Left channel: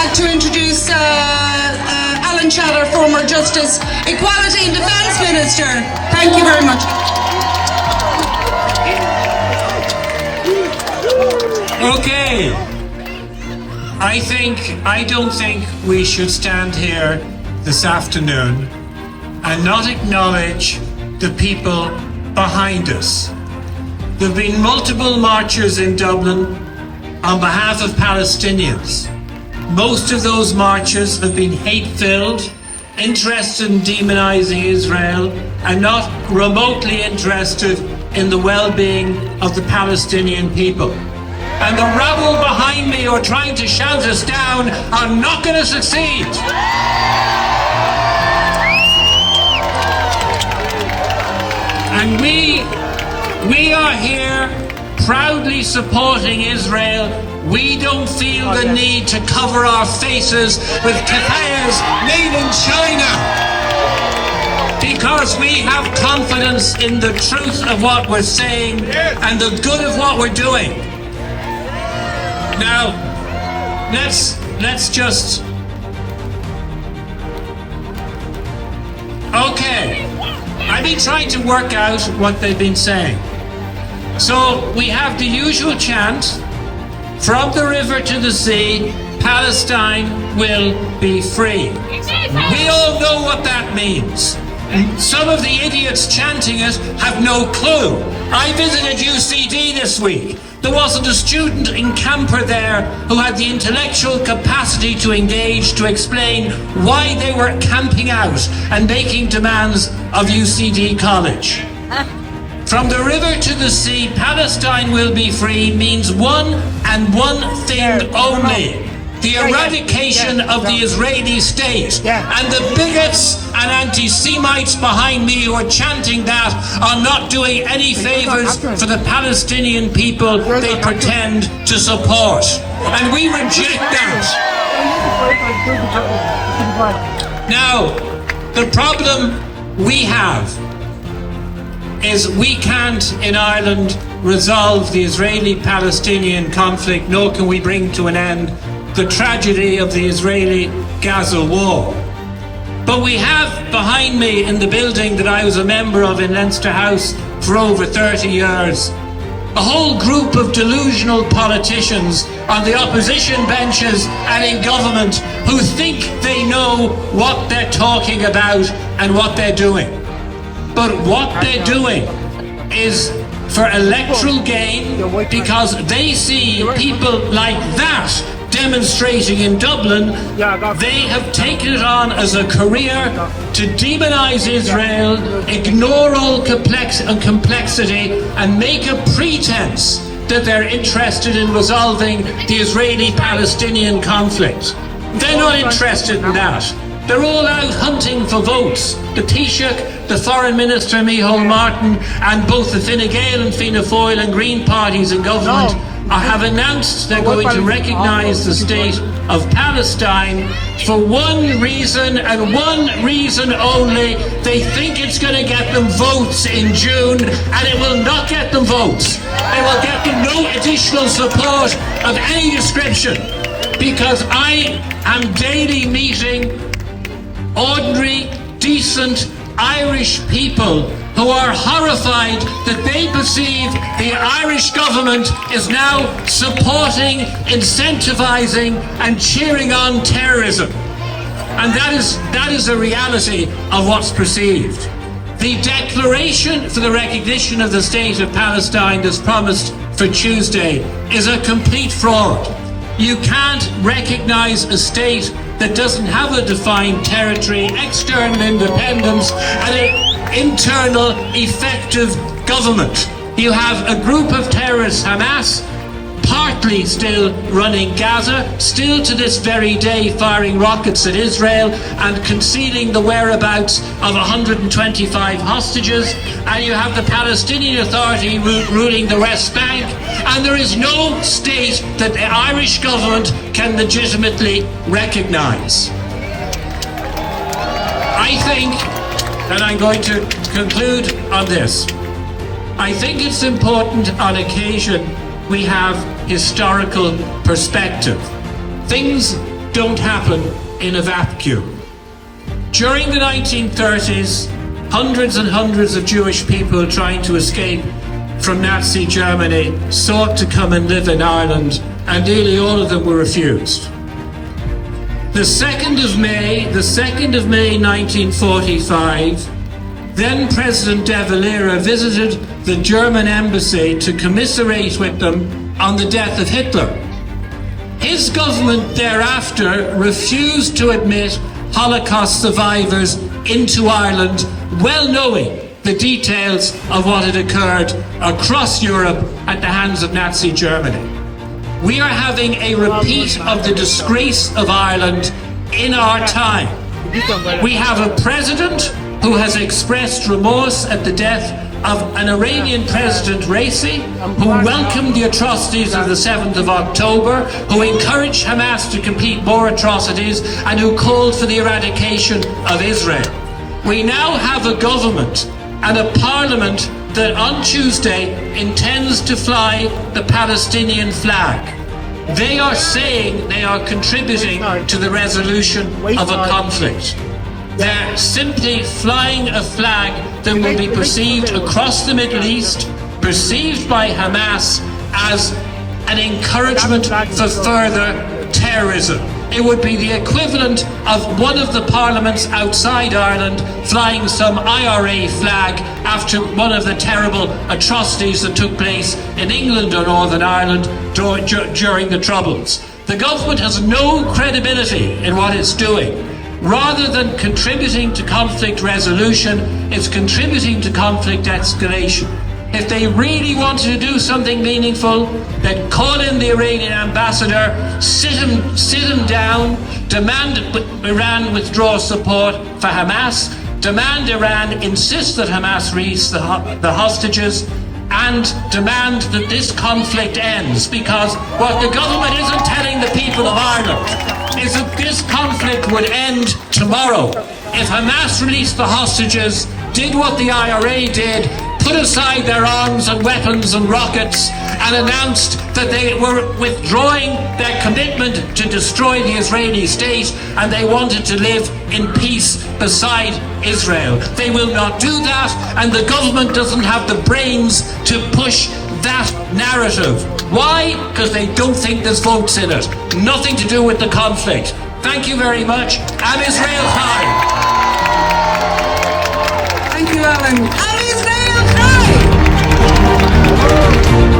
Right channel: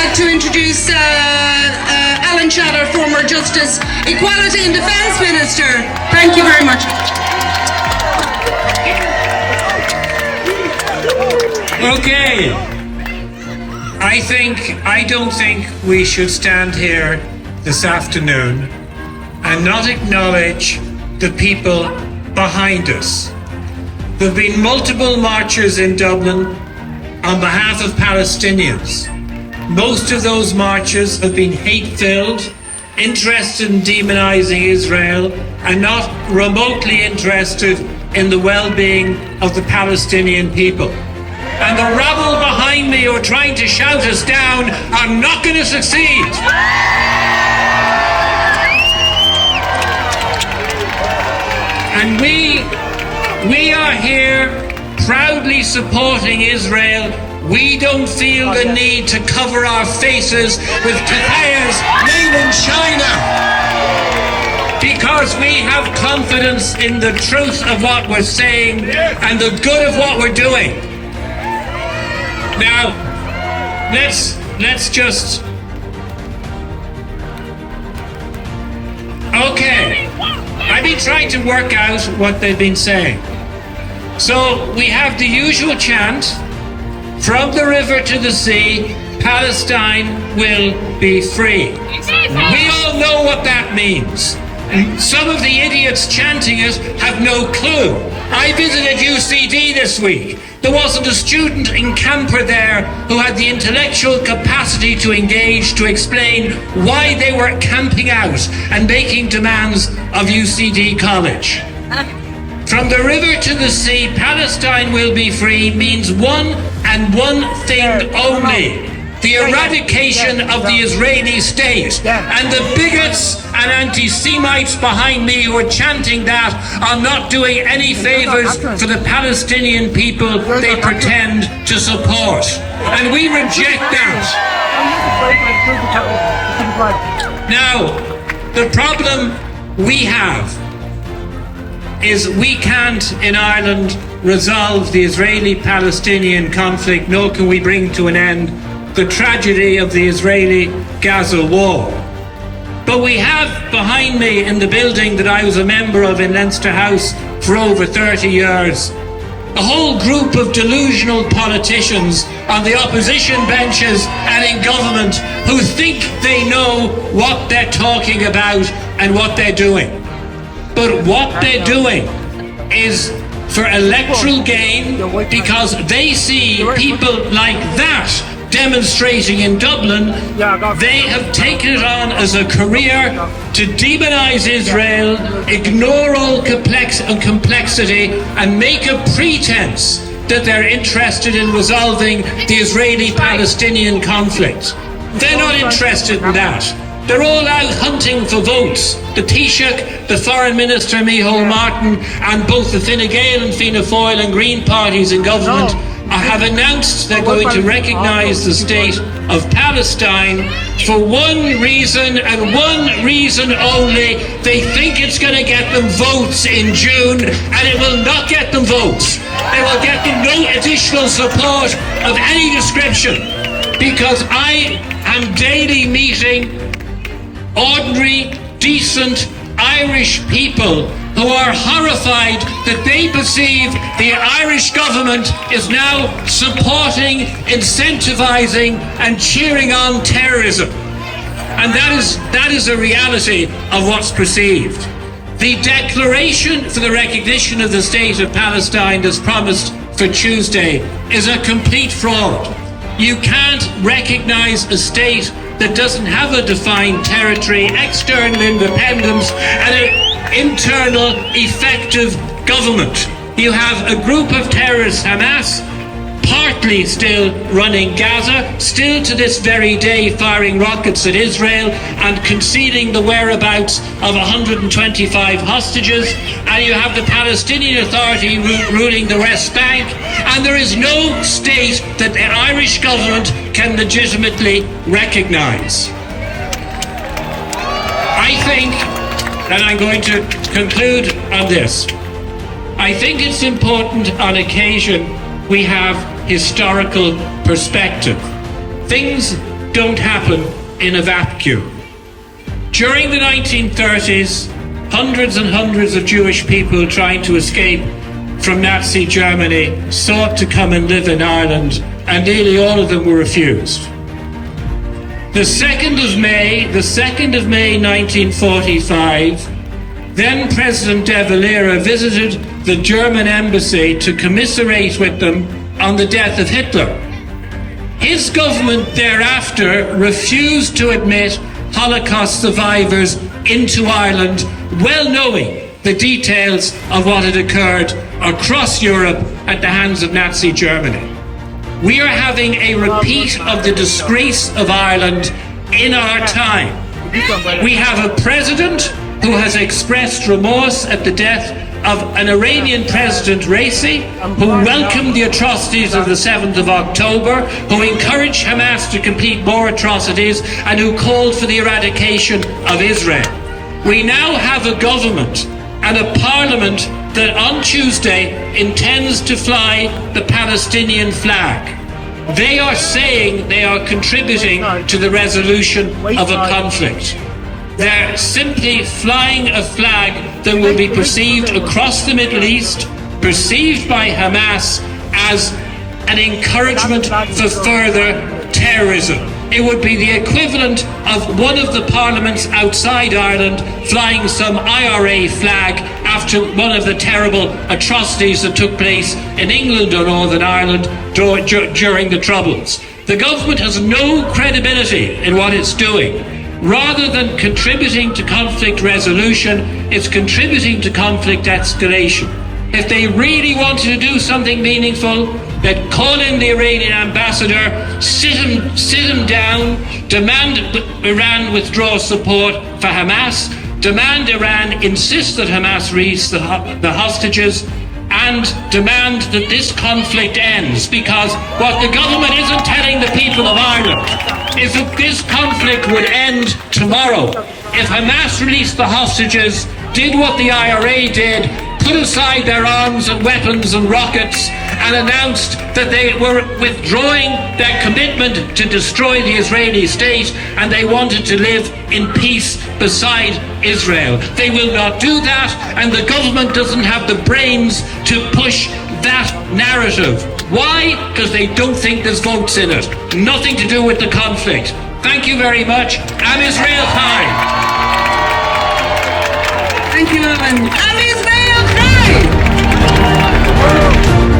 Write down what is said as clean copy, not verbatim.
like to introduce Alan Shatter, former Justice, Equality and Defence Minister. Thank you very much. Okay. I don't think we should stand here this afternoon and not acknowledge the people behind us. There have been multiple marches in Dublin on behalf of Palestinians. Most of those marches have been hate-filled, interested in demonising Israel, and not remotely interested in the well-being of the Palestinian people. And the rabble behind me who are trying to shout us down are not going to succeed. And we are here proudly supporting Israel. We don't feel the need to cover our faces with keffiyehs made in China, because we have confidence in the truth of what we're saying and the good of what we're doing. Now, let's just... Okay, I've been trying to work out what they've been saying. So we have the usual chant, from the river to the sea, Palestine will be free. We all know what that means. Some of the idiots chanting it have no clue. I visited UCD this week. There wasn't a student in camper there who had the intellectual capacity to engage, to explain why they were camping out and making demands of UCD College. From the river to the sea, Palestine will be free means one and one thing only: the eradication of the Israeli state. And the bigots and anti-Semites behind me who are chanting that are not doing any favours for the Palestinian people they pretend to support. And we reject that. Now, the problem we have is we can't in Ireland resolve the Israeli-Palestinian conflict, nor can we bring to an end the tragedy of the Israeli-Gaza war. But we have behind me in the building that I was a member of in Leinster House for over 30 years, a whole group of delusional politicians on the opposition benches and in government who think they know what they're talking about and what they're doing. But what they're doing is for electoral gain, because they see people like that demonstrating in Dublin. They have taken it on as a career to demonise Israel, ignore all complexity, and make a pretense that they're interested in resolving the Israeli-Palestinian conflict. They're not interested in that. They're all out hunting for votes. The Taoiseach, the Foreign Minister Micheál Martin, and both the Fine Gael and Fianna Fáil and Green parties in government have announced they're going to recognise the state of Palestine for one reason and one reason only. They think it's going to get them votes in June, and it will not get them votes. It will get them no additional support of any description, because I am daily meeting ordinary, decent Irish people who are horrified that they perceive the Irish government is now supporting, incentivising and cheering on terrorism. And that is a reality of what's perceived. The declaration for the recognition of the state of Palestine as promised for Tuesday is a complete fraud. You can't recognise a state that doesn't have a defined territory, external independence, and an internal, effective government. You have a group of terrorists, Hamas, partly still running Gaza, still to this very day firing rockets at Israel and concealing the whereabouts of 125 hostages, and you have the Palestinian Authority ruling the West Bank, and there is no state that the Irish government can legitimately recognise. I think, and I'm going to conclude on this, I think it's important on occasion we have historical perspective. Things don't happen in a vacuum. During the 1930s, hundreds and hundreds of Jewish people trying to escape from Nazi Germany sought to come and live in Ireland, and nearly all of them were refused. The 2nd of May 1945, then President de Valera visited the German embassy to commiserate with them on the death of Hitler. His government thereafter refused to admit Holocaust survivors into Ireland, well knowing the details of what had occurred across Europe at the hands of Nazi Germany. We are having a repeat of the disgrace of Ireland in our time. We have a president who has expressed remorse at the death of an Iranian president, Raisi, who welcomed the atrocities of the 7th of October, who encouraged Hamas to commit more atrocities, and who called for the eradication of Israel. We now have a government and a parliament that on Tuesday intends to fly the Palestinian flag. They are saying they are contributing to the resolution of a conflict. They're simply flying a flag that will be perceived across the Middle East, perceived by Hamas as an encouragement for further terrorism. It would be the equivalent of one of the parliaments outside Ireland flying some IRA flag after one of the terrible atrocities that took place in England or Northern Ireland during the Troubles. The government has no credibility in what it's doing. Rather than contributing to conflict resolution, it's contributing to conflict escalation. If they really wanted to do something meaningful, they'd call in the Iranian ambassador, sit him down, demand Iran withdraw support for Hamas, demand Iran insist that Hamas release the hostages, and demand that this conflict ends, because what the government isn't telling the people of Ireland is that this conflict would end tomorrow. If Hamas released the hostages, did what the IRA did, put aside their arms and weapons and rockets, and announced that they were withdrawing their commitment to destroy the Israeli state, and they wanted to live in peace beside Israel. They will not do that, and the government doesn't have the brains to push that narrative. Why? Because they don't think there's votes in it. Nothing to do with the conflict. Thank you very much. Am Israel Chai. Thank you, Alan. Am Israel Chai.